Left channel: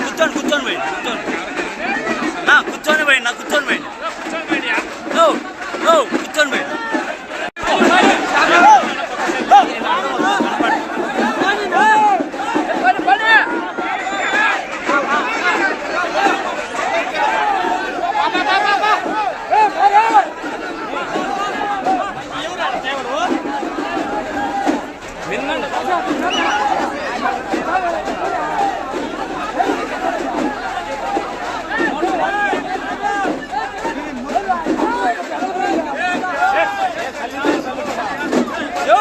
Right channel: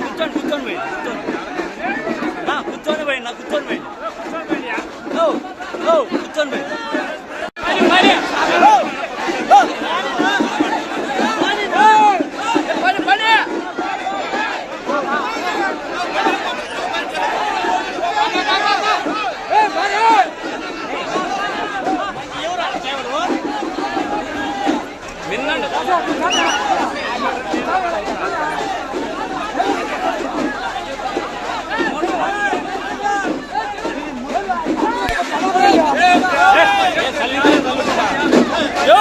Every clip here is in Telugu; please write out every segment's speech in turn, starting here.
కూర్చోండి కూర్చొని పోయింది కూర్చోండి. నా కూర్చొని పోయింది నా కూర్చొని ఓ కూర్చొని పోయింది Yeah. యో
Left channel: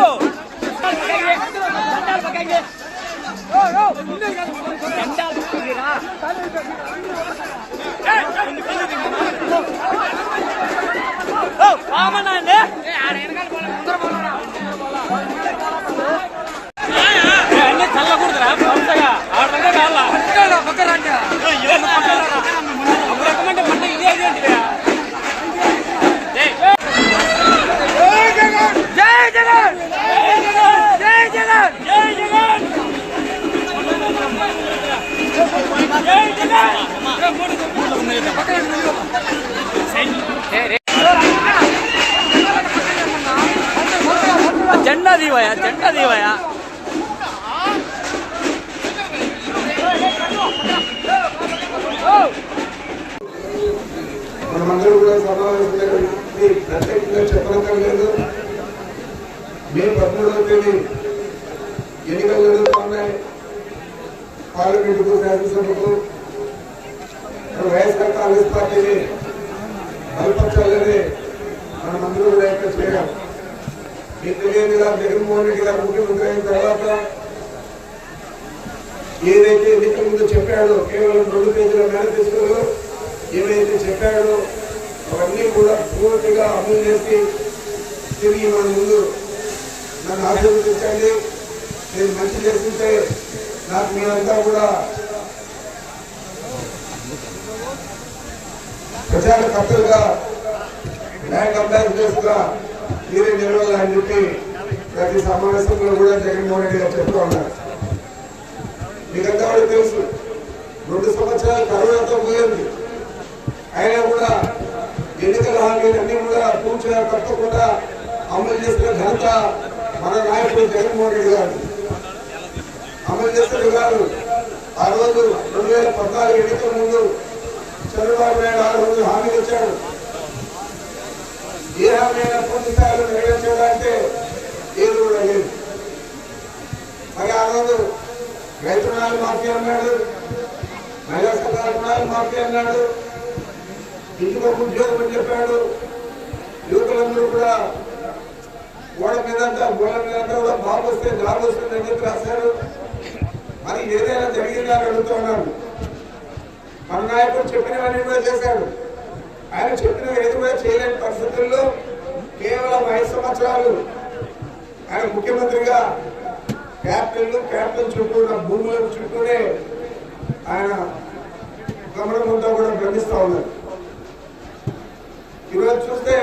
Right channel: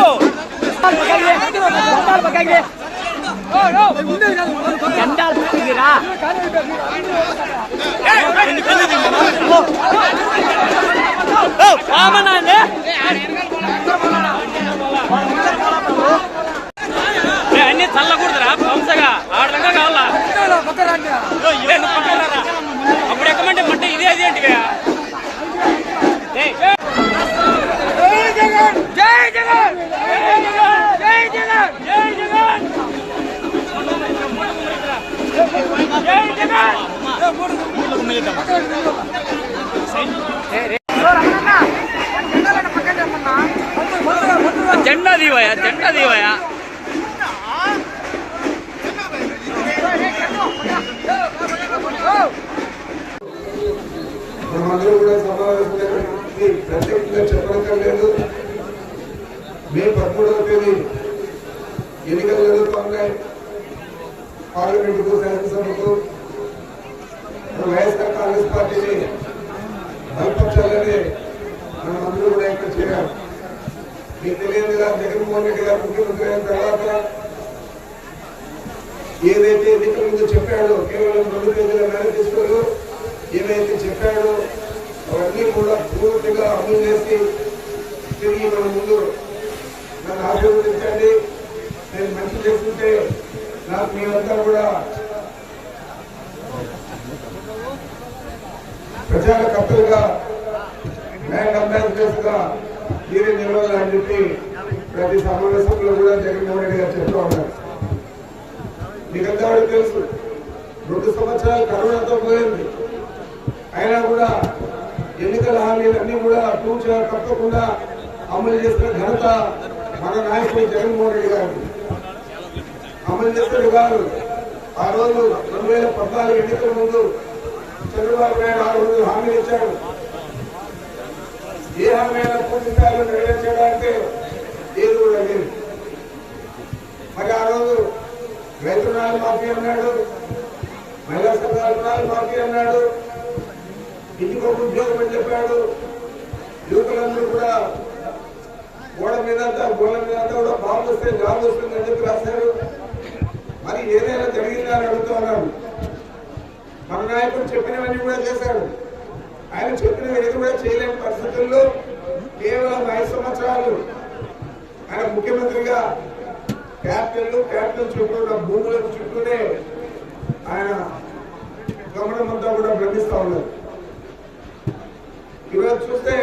ఓ పామనా అండి ఏ, అన్ని చల్లకూడదురా పంచగా ఆడదంగా కావాలా ఓ, ఇవే నువ్వు పక్కన రారా. అప్పుడు ఎక్కమంటే మంటే ఇదే అది 真啊？点个位啊？తిరిగి మన ముందు నన్ను ఆశీర్వదించండి. నేను మంచి చేస్తుంటే నాకు మీ అంతా కూడా ప్రచారకర్తలుగా బ్యాంక్ అంబాసిడర్స్గా మీరే నిలవాలని చెప్పి ప్రతి సమావేశంలో కూడా జగన్మోహన్ రెడ్డి గారు చెప్తూ ఉన్నారు. మీకంతా కూడా తెలుసు రెండు సంవత్సరాలు కరోనాతో పోయింది. అయినా కూడా ఎన్నికల హామీలన్నీ కూడా పూర్తిగా తప్పకుండా అమలు చేసిన ఘనత మన నాయకుడు జగన్మోహన్ రెడ్డి గారు. అమలు చేసిన గారు ఆ రోజు రెండు వేల పద్నాలుగు ఎన్నికల ముందు చంద్రబాబు నాయుడు ఆ రోజు హామీలు ఇచ్చాడు. ఏ హామీ అయినా పూర్తి స్థాయిలో అంటే ఏది కూడా లేదు. మరి ఆ రోజు రైతు రుణాలు మాఫీ అన్నాడు. మహిళా సంఘాల రుణాలు మాఫీ అన్నాడు. ఇంటికి ఒక ఉద్యోగం అని చెప్పాడు. యువకులందరూ కూడా గోడ మీద అంతా గోడ మీద అంతా కూడా బాబు వస్తే జాబ్ వస్తుంది అని చెప్పి రాశారు. మరి ఏదైనా జరిగిందా అని అడుగుతూ ఉన్నాడు. మన నాయకుడు చెప్పినవన్నీ కూడా చేశాడు. ఆయన చెప్పినవి ఏది కూడా చేయలేని పరిస్థితుల్లో కేవలం ఐదు సంవత్సరాలు ఆయన ముఖ్యమంత్రిగా క్యాపిటల్ క్యాపిటల్ చుట్టూ ఉన్న భూముల చుట్టూనే ఆయన గమనమంతా కూడా భ్రమిస్తూ ఉన్నారు. ఈరోజు చూస్తే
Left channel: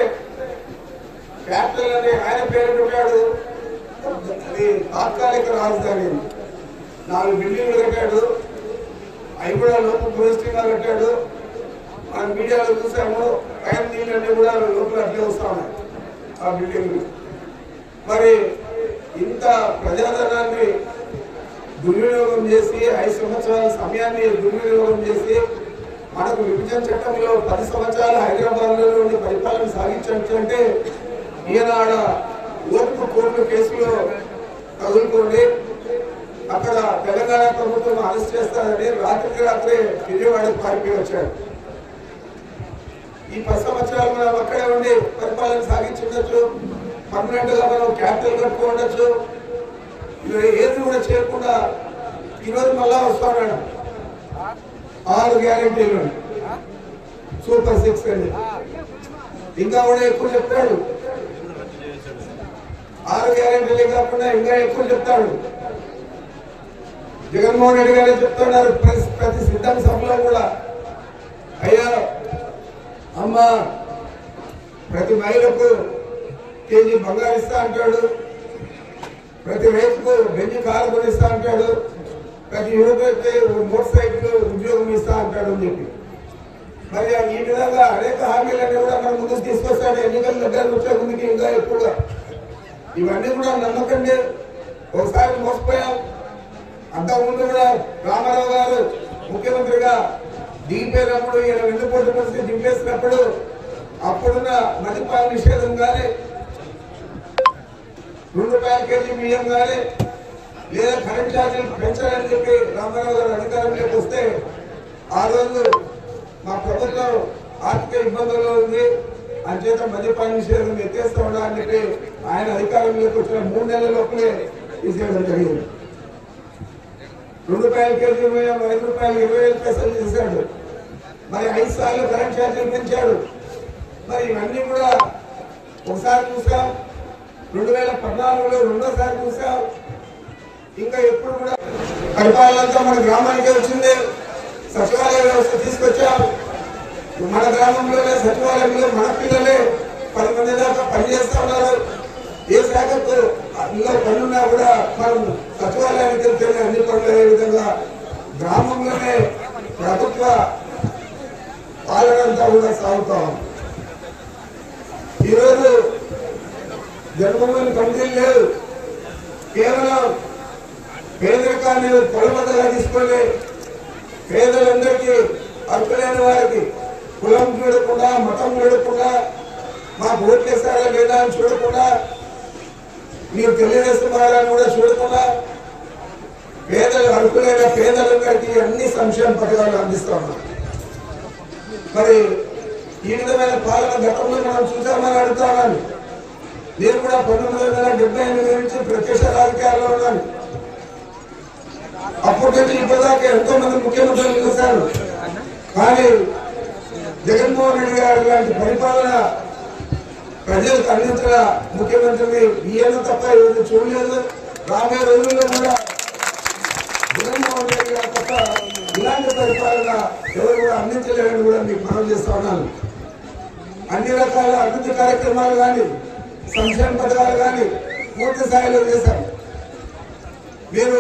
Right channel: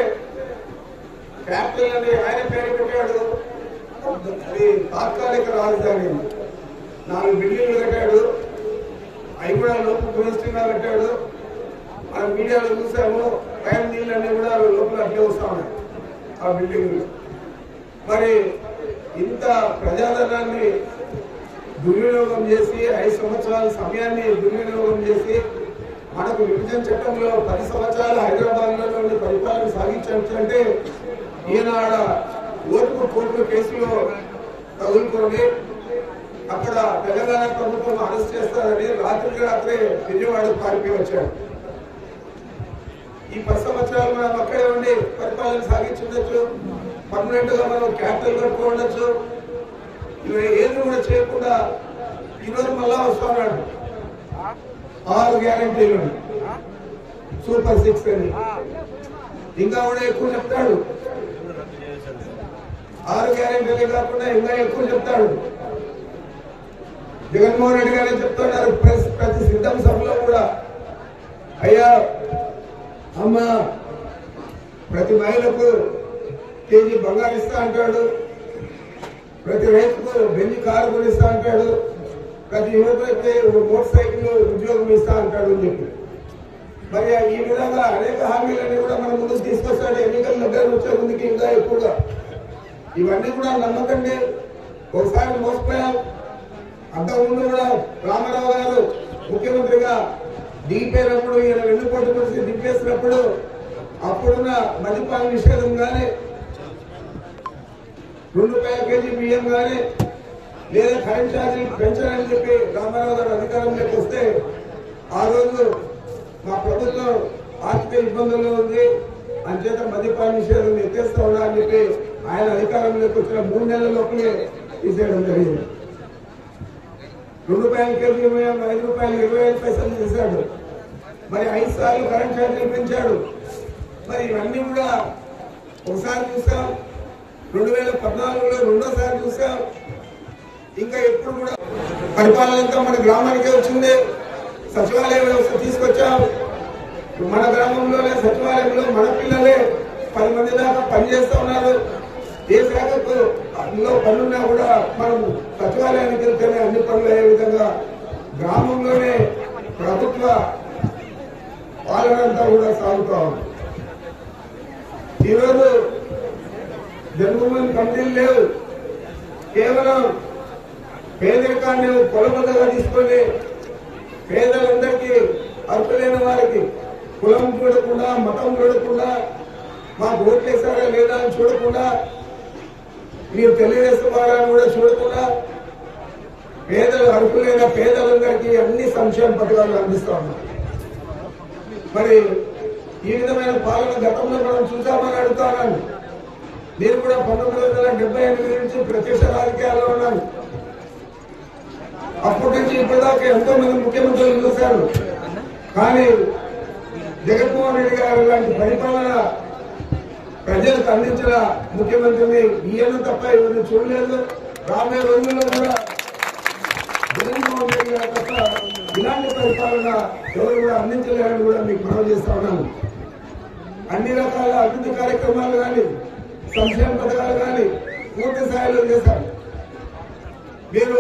క్యాపిటల్ అని ఆయన పేరు పెట్టాడు. అది తాత్కాలిక రాజధాని. నాలుగు బిల్డింగ్లు కట్టాడు. అవి కూడా లోపల టూరిస్టింగ్గా కట్టాడు. మనం మీడియాలో చూసాము పైన నీళ్ళన్నీ కూడా లోపల అట్లే వస్తా ఉన్నాయి ఆ బిల్డింగ్లు. మరి ఇంత ప్రజాధనాన్ని దుర్వినియోగం చేసి ఐదు సంవత్సరాల సమయాన్ని దుర్వినియోగం చేసి మనకు విభజన చట్టంలో పది సంవత్సరాలు హైదరాబాద్లో ఉండి పరిపాలన సాగించంటే ఈనాడ ఈయన ఆడ కోర్టు కేసులో తగులుకొని అక్కడ తెలంగాణ ప్రభుత్వం అరెస్ట్ చేస్తారని రాత్రికి రాత్రే విజయవాడ పారిపోయి వచ్చాడు. ఈ పది సంవత్సరాలు మనం అక్కడే ఉండి పరిపాలన సాగించుండొచ్చు పర్మనెంట్గా మనం క్యాపిటల్ కట్టుకో ఉండొచ్చు. ఇవి ఏది కూడా చేయకుండా ఈరోజు మళ్ళా వస్తా ఉన్నాడు. ఆరు గ్యారంటీలు. సూపర్ సిక్స్ అని ఇంకా కూడా ఎక్కువ చెప్తాడు. ఆరు కాకుండా ఇంకా ఎక్కువ చెప్తాడు. జగన్మోహన్ రెడ్డి గారే చెప్తున్నారు ప్రతి సిద్ధం సభలో కూడా. అయ్యా అమ్మ ప్రతి మహిళకు కేజీ బంగారు ఇస్తా అంటాడు. ప్రతి రైతుకు బెంజి కారు కొనిస్తా అంటాడు. ప్రతి యువతకి మోటార్ సైకిల్ ఉద్యోగం ఇస్తా అంటాడు అని చెప్పి. మరి ఈ విధంగా అనేక హామీలన్నీ కూడా మనం ముందుకు తీసుకొస్తాడు. ఎన్నికల దగ్గర వచ్చే ముందుకి ఇంకా ఎక్కువ ఇవన్నీ కూడా నమ్మకండి ఒకసారి మోసపోయాం. అంతకుముందు కూడా రామారావు గారు ముఖ్యమంత్రిగా దిగిపోయినప్పుడు ఈయన వెన్నుపోటు పరిస్థితి దింపేసినప్పుడు అప్పుడున్న మద్యపాన నిషేధం కానీ రెండు రూపాయల కేజీ బియ్యం కానీ లేదా కరెంట్ ఛార్జీలు పెంచాలని చెప్పి రామారావు గారు అధికారంలోకి వస్తే ఆ రోజు మా ప్రభుత్వం ఆర్థిక ఇబ్బందుల్లో ఉంది. అంచేత మద్యపాన నిషేధం ఎత్తేస్తా ఉన్నా అని ఆయన అధికారంలోకి వచ్చిన మూడు నెలల లోపలే తీసేయడం జరిగింది. రెండు రూపాయల కేజీ ఇరవై ఐదు రూపాయలు ఇరవై ఐదు పైసలు చేశాడు. మరి ఐదు సార్లు కరెంట్ ఛార్జీలు పెంచాడు. మరి ఇవన్నీ కూడా ఒకసారి చూసాం రెండు వేల పద్నాలుగులో రెండోసారి చూసాం. ఇంకా ఎప్పుడు కూడా పరిపాలనంతా మన గ్రామానికే వచ్చింది. సచివాలయ వ్యవస్థ తీసుకొచ్చాం. మన గ్రామంలోనే సచివాలయంలో మన పిల్లలే పది మంది దాకా పనిచేస్తూ ఉన్నారు. ఏ శాఖకు అందులో పనున్నా కూడా మనం సచివాలయానికి వెళ్తేనే అన్ని పనులు అయ్యే విధంగా గ్రామంలోనే ప్రభుత్వ పాలన అంతా కూడా సాగుతా ఉంది. ఈరోజు జన్మభూమి కమిటీలు లేవు. కేవలం పేదరికాన్ని కొలబద్దగా తీసుకొని పేదలందరికీ అర్హులైన వారికి కులం చూడకుండా మతం చూడకుండా మాకు ఓట్లేస్తారా లేదా అని చూడకుండా మీరు తెలుగుదేశం కూడా చూడకుండా పేదలు అర్హులైన పేదలందరికీ అన్ని సంక్షేమ పథకాలు అందిస్తా ఉన్నారు. మరి ఈ విధమైన పాలన గతంలో మనం చూసామని అడుగుతా ఉన్నాను. నేను కూడా పంతొమ్మిది వందల డెబ్బై ఎనిమిది నుంచి ప్రత్యక్ష రాజకీయాల్లో ఉన్నాను. అప్పటి నుంచి ఇప్పటిదాకా ఎంతో మంది ముఖ్యమంత్రులు చూశారు కానీ జగన్మోహన్ రెడ్డి గారు లాంటి పరిపాలన ప్రజలకు అందించిన ముఖ్యమంత్రిని ఈయన తప్ప ఎవరు చూడలేదు. రాబోయే రోజుల్లో కూడా జగన్మోహన్ రెడ్డి గారు తప్ప ఇలాంటి పరిపాలన ఎవరు కూడా అందించలేరని కూడా మీకు మనవి చేస్తా ఉన్నాను. అన్ని రకాల అభివృద్ధి కార్యక్రమాలు కానీ సంక్షేమ పథకాలు కానీ పూర్తి స్థాయిలో చేశాం మీరు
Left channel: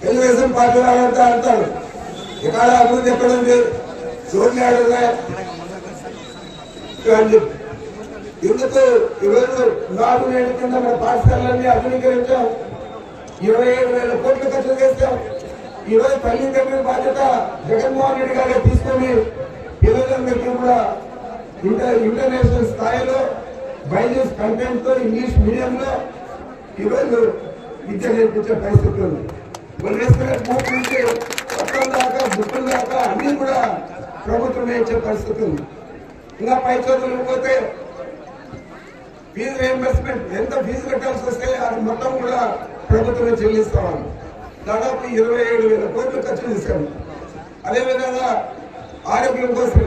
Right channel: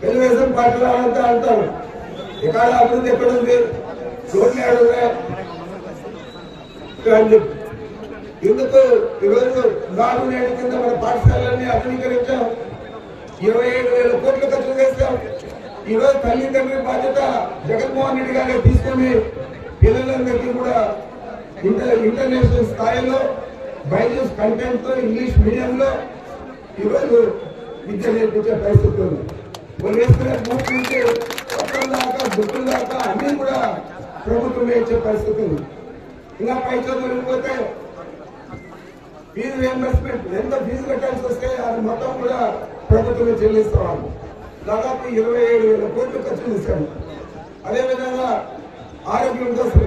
తెలుగుదేశం పార్టీ వాళ్ళంతా అంటారు ఎక్కడ అభివృద్ధి ఎక్కడ ఉంది రోడ్లు ఎక్కడ చెప్పి ఎందుకు ఈరోజు నాలుగు నేడు కింద మన పాఠశాలన్నీ ఆధునీకరించాం ఇరవై ఏడు వేల కోట్లు ఖర్చు చేస్తాం ఈ రోజు తల్లి తండ్రి బాధ్యత జగన్మోహన్ రెడ్డి గారే తీసుకొని పిల్లలందరికీ కూడా ఇంటర్ ఇంటర్నేషనల్ స్థాయిలో బైజూస్ కంటెంట్తో ఇంగ్లీష్ మీడియంలో ఈరోజు విద్య నేర్పించే పరిస్థితి ఉంది. వాళ్ళు వేసుకునే నుంచి దాకా బుక్కుల దాకా అన్నీ కూడా ప్రభుత్వం వేయించే పరిస్థితి ఉంది. ఇంకా పై చదువులు పోతే ఫీజు రియంబర్స్మెంట్ ఎంత ఫీజు కట్టాల్సి వస్తే అది మొత్తం కూడా ప్రభుత్వం చెల్లిస్తాం దాదాపు ఇరవై ఏడు వేల కోట్లు ఖర్చు చేశాము. అదేవిధంగా ఆరోగ్యం కోసం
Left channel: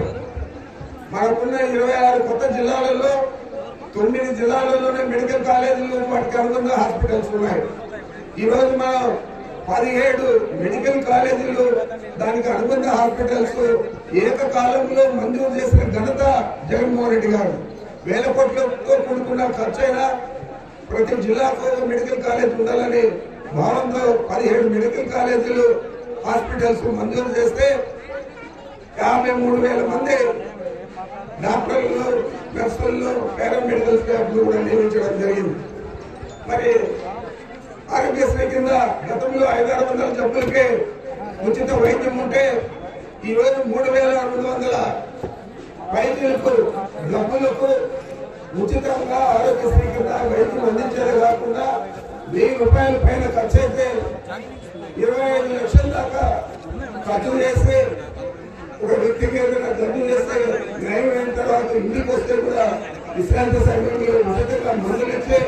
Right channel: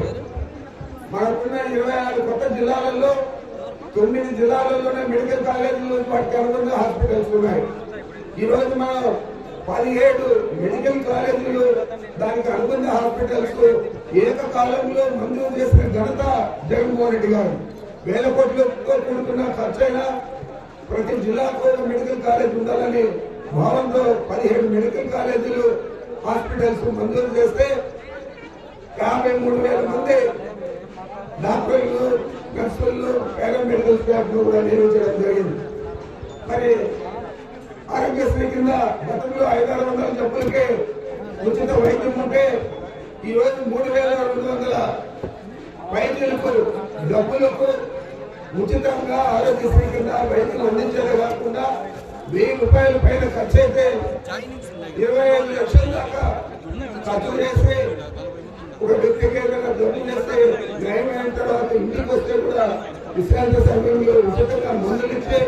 మనకున్న ఇరవై ఆరు కొత్త జిల్లాలలో తొమ్మిది జిల్లాలలోనే మెడికల్ కాలేజీలు వాటికి అనుగుణంగా హాస్పిటల్స్ ఉన్నాయి. ఈ రోజు మనం పదిహేడు మెడికల్ కాలేజీలు దానికి అనుబంధ హాస్పిటల్స్ ఏకకాలంలో మంజూరు చేసిన ఘనత జగన్మోహన్ రెడ్డి గారు. వేల కోట్లతో కూడుకున్న ఖర్చైనా ప్రతి జిల్లాకు మెడికల్ కాలేజ్ ఉండాలని భావంతో పదిహేడు మెడికల్ కాలేజీలు హాస్పిటల్స్ మంజూరు చేస్తే యాభై మూడు వేల మంది డాక్టర్లు నర్సులు పారామెడికల్ స్టాఫ్లు కూడా నియమించడం జరిగింది. మరి ఆరోగ్యశ్రీ కింద గతంలో ఐదారు వందల జబ్బులకే ఉచిత వైద్యం ఉంటే ఈ రోజు మూడు వేల రెండు వందల వైద్యులకు డబ్బులకు ఉచితంగా ఆరోగ్యశ్రీ కింద వైద్యులు అందించేదే కాకుండా వెయ్యి రూపాయల పైన ఖర్చు అయితే ఇరవై ఐదు లక్షల దాకా ఖర్చు చేసి ఒక వ్యక్తికి ఏదైనా జబ్బు చేస్తే నయం అయిన తర్వాత ఇంటికి వస్తే కూడా విశ్రాంతి సమయంలో ఉచితంగా మందులు ఇచ్చి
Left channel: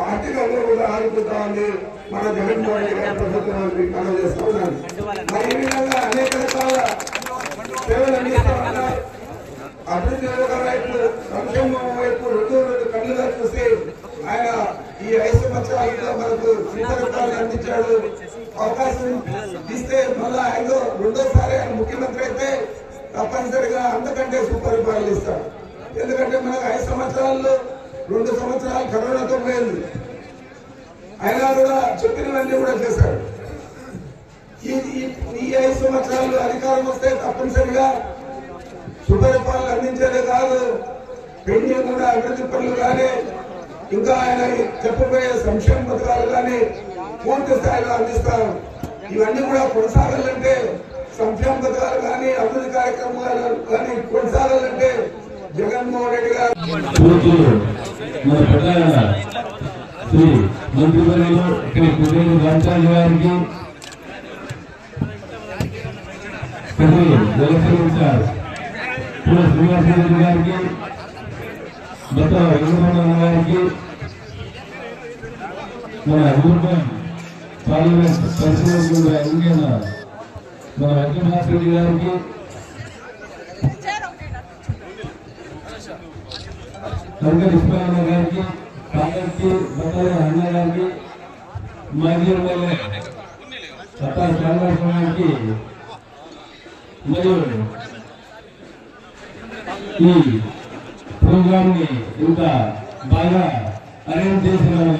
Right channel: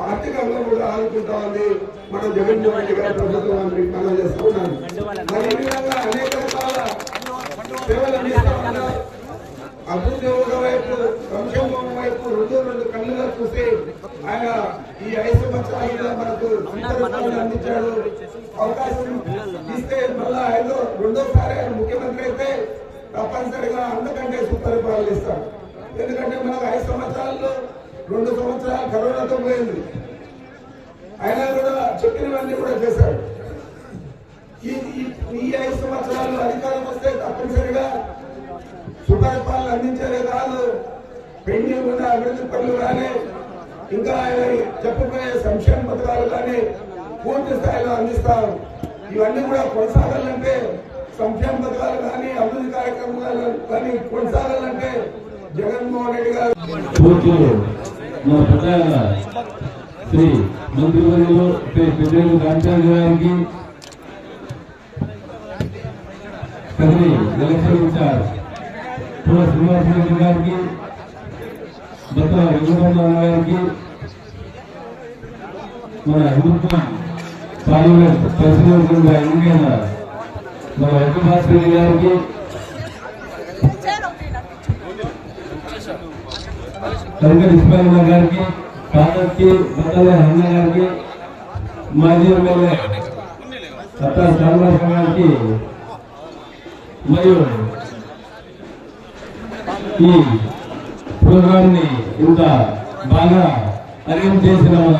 ఆర్థికంగా కూడా ఆదుకుంటా ఉంది మన జగన్మోహన్ రెడ్డి గారి ప్రభుత్వాన్ని మనం చేస్తున్నాను మరి ఈ విధంగా సేవలందిస్తామన్నా అభివృద్ధి వైపు సంక్షేమం వైపు రెండు రెండు కన్నుగా ఆయన ఈ ఐదు సంవత్సరాలలో మనకు శ్రీకరపాలను అందించాడు. అవకాశం ఇస్తే మళ్ళా ఐదో రెండోసారి ముఖ్యమంత్రి అయితే తప్పనిసరిగా అంతకంటే సుపరిపాలన ఇస్తాడు. ఎందుకంటే మనకు ఐదు సంవత్సరాల్లో రెండు సంవత్సరాలు కరోనాతో పోయింది. అయినా కూడా చెప్పినవన్నీ కూడా చేశాడు. ఈ ఈ- ఐదు సంవత్సరాలు అధికారం వస్తే తప్పనిసరిగా సుపరిపాలన అందించేదే కాదు. పెండింగ్ కూడా అభివృద్ధి పనులు కానీ ఇంకా ఆయన చెప్పబోయే సంక్షేమ పథకాలు కానీ పూర్తి స్థాయిలో అందిస్తారు ఇవన్నీ కూడా కొనసాగాలంటే సంక్షేమ పథకాలు కానీ అభివృద్ధి కార్యక్రమాలు కానీ కొనసాగాలంటే జగన్మోహన్ రెడ్డి గారు శ్రీ మంత్రివర్యులు శ్రీ పెద్ద గారికి గారికి శ్రీ ఎలక్షన్ ఇన్ఛార్జ్ పూల శ్రీనివాసరెడ్డి గారికి బత్తుల వెంకటరమణ గారికి మన హిందూపురం పార్లమెంట్ ప్రెసిడెంట్గా ఎన్నికైన మన వెంకటభాస్ రెడ్డి గారికి కనకటి ఇస్మాయిల్ గారికి కాదర్కి బట్టల అన్న గారికి మాజీ ఎమ్మెల్యే అత్తా శ్రీనివాస గారికి మరియు ఈ ప్రోగ్రామ్ని ఇంత బాగా అరేంజ్ చేసిన మన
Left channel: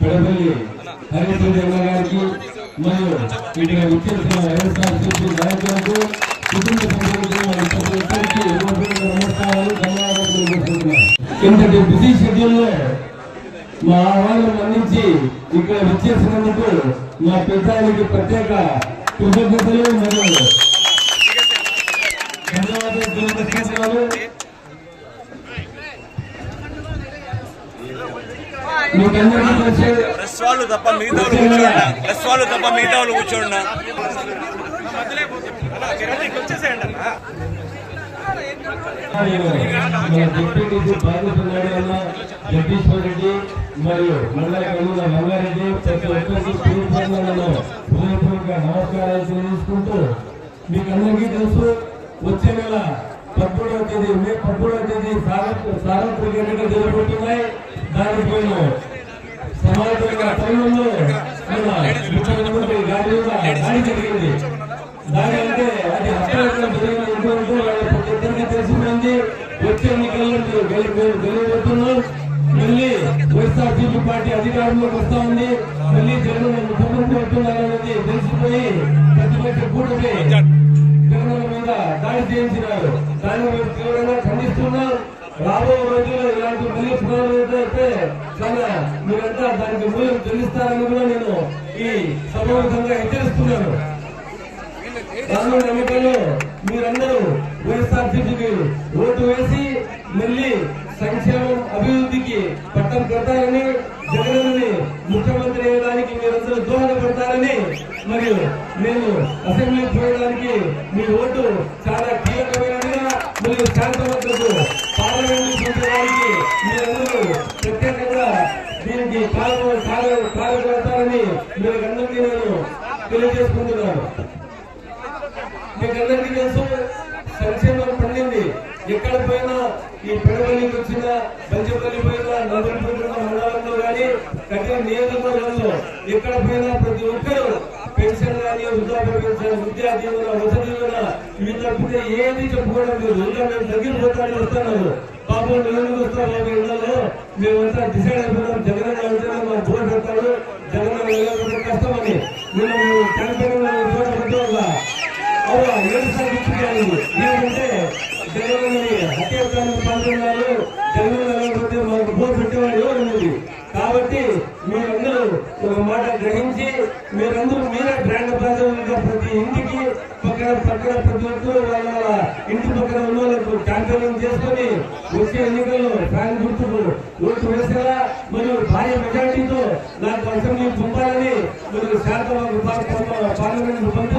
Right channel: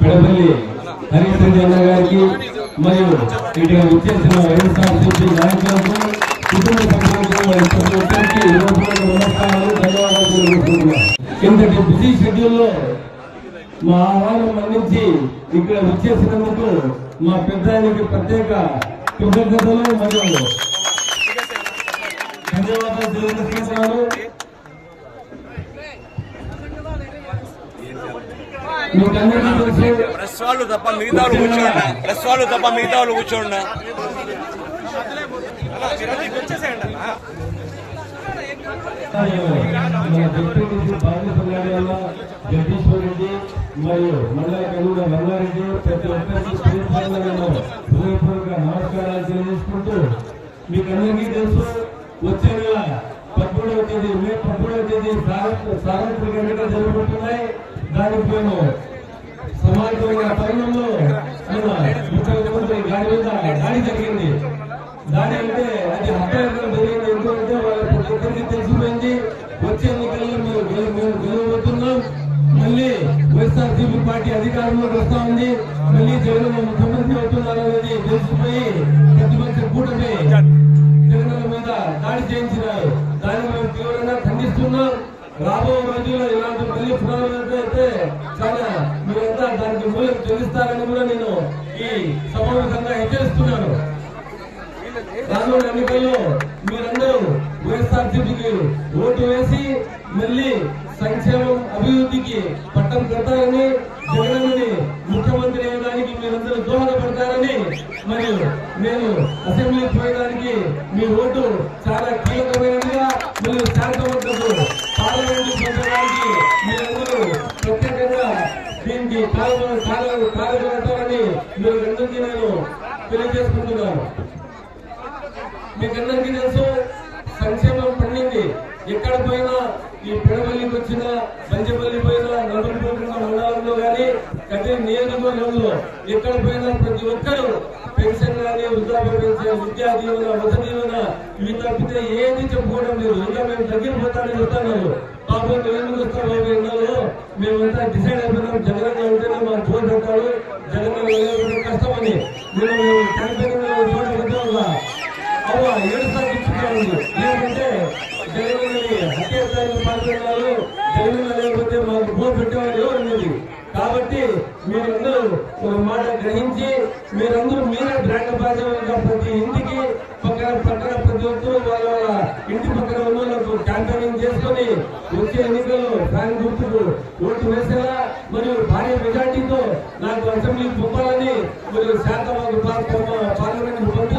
పెడపల్లి హరీష్ రెడ్డి అన్న గారికి మరియు ఇక్కడ వచ్చేసిన వైఎస్ఆర్సీపీ నాయకులకు కుటుంబ సభ్యులకు మరియు ప్రతి నమస్కారాలు ధన్యవాదాలు ఇంతటి బిజీ షెడ్యూల్లో మా ఆహ్వానం అందించి ఇక్కడ విచ్చేసినందుకు మా పెద్దానికి ప్రత్యేక కృతజ్ఞతలు మరియు ధన్యవాదాలు వాళ్ళు తప్ప మిగతా వాళ్ళు కూర్చోండి. ప్రెస్ వాళ్ళు తప్ప మిగతా వాళ్ళు కూర్చోండి. మన డిప్యూటీసీ బాలసుబ్రహ్మణ్యం జగదీశ్వర్ రెడ్డి మరియు మండల కన్వీనర్ రంగారెడ్డి ప్రతి ఒక్కరికి పేరు నేను హృదయపూర్వక నమస్కారాలు తెలియజేసుకుంటూ మీకు అందరికీ తెలుసు. వచ్చే నెల పదమూడవ తేదీ మే పదమూడవ తేదీ సార్వ- సార్వత్రిక ఎన్నికలు జరగబోతున్నాయి. దానికి నేను సమాజంగా తరుణంలో ముఖ్యమంత్రి గారి మీద దాడి జరిగింది. దాని అంటే అది హత్యాయత్నం జరిగింది. ఎందుకంటే వాళ్ళ ప్రతి ఒక్కరికి తెలిసిపోయింది. వచ్చే ఎన్నికల్లో మీరు గెలు- మేము గెలవబోతున్నాం మళ్ళీ వైఎస్ఆర్సీపీ పార్టీ అధికారంలోకి వస్తా ఉంది. మళ్ళీ జగన్ ముఖ్యమంత్రి అవుతున్నారనేది తెలిసిపోయి ప్రతిపక్ష కూటమి చేయించినారు. దాన్ని మేము తీవ్రంగా ఖండిస్తున్నాం. రాబో రోజుల్లో ఇలాంటి మళ్ళీ పునరావృతం చాలా మీరంతా దానికి మూల్యం చెల్లిస్తారని కూడా నేను ఈ సమావేశంగా హెచ్చరిస్తున్నాను. రానున్న ఎన్నికల్లో మీరందరూ వైఎస్ఆర్సీపీకి ఈ కార్యక్రమం కాలం కారణమవుతారని మీరందరికీ నేను తెలియజేసుకుంటున్నాను. మీకందరికీ తెలుసు సంక్షేమం పండింది. ఎక్కడ పోయినా ఈ పిడపల్లికి వచ్చిన బంజపల్లి పోయినా నలుగురున్న మండలంలో కానీ కఠిన నియోజకవర్గంలో ఎక్కడ పోయినా ప్రతి ఒక్కరూ పెన్షన్ కానీ వృద్ధాప్య పెన్షన్ విద్యా దీవెన వస దీవెన ఇవి తప్పితే ఏది చెప్పుకోవడం లేదు. ఇంకా మేము దగ్గర పోతానని చెప్తున్నారు. బాబు నువ్వు వస్తావు బాబు ఎండలో. మేమంతా డిసైడ్ అయిపోయినాం. జగన్ వెళ్తేనే మాకు బోర్ పెట్టాడు జగన్ కష్టమని నేను మేము క్యాంపెయిన్ చూడబోతే అవ్వ ఏడు సార్లు ఇచ్చుకోవాలి ఏమంటే జగనన్నని హత్యాచారానికి పాల్గొన్నారు జగనన్న లేకపోతే మాకు బోర్ పెట్టేవాడు ఎవరు అనేది కాబట్టి మీరందరూ ఒక మాట గ్రహించి మీరందరూ మీరే బ్రాండ్ అంబాసిడర్లుగా ప్రతి ఇంటికి పక్కన పక్కన ప్రతి ఒక్కరు వాళ్ళ వాళ్ళ ఇంటి పక్కన ఉన్న వాళ్ళకు క్యాంపెయినింగ్ చేసుకొని వచ్చే ఎన్నికల్లో ఫ్యాన్ గుర్తుకు ఓటు మరియు భారీ మెజార్టీతో నాకు అసెంబ్లీ పంపాలని మరియు శాంతబాబు పార్లమెంట్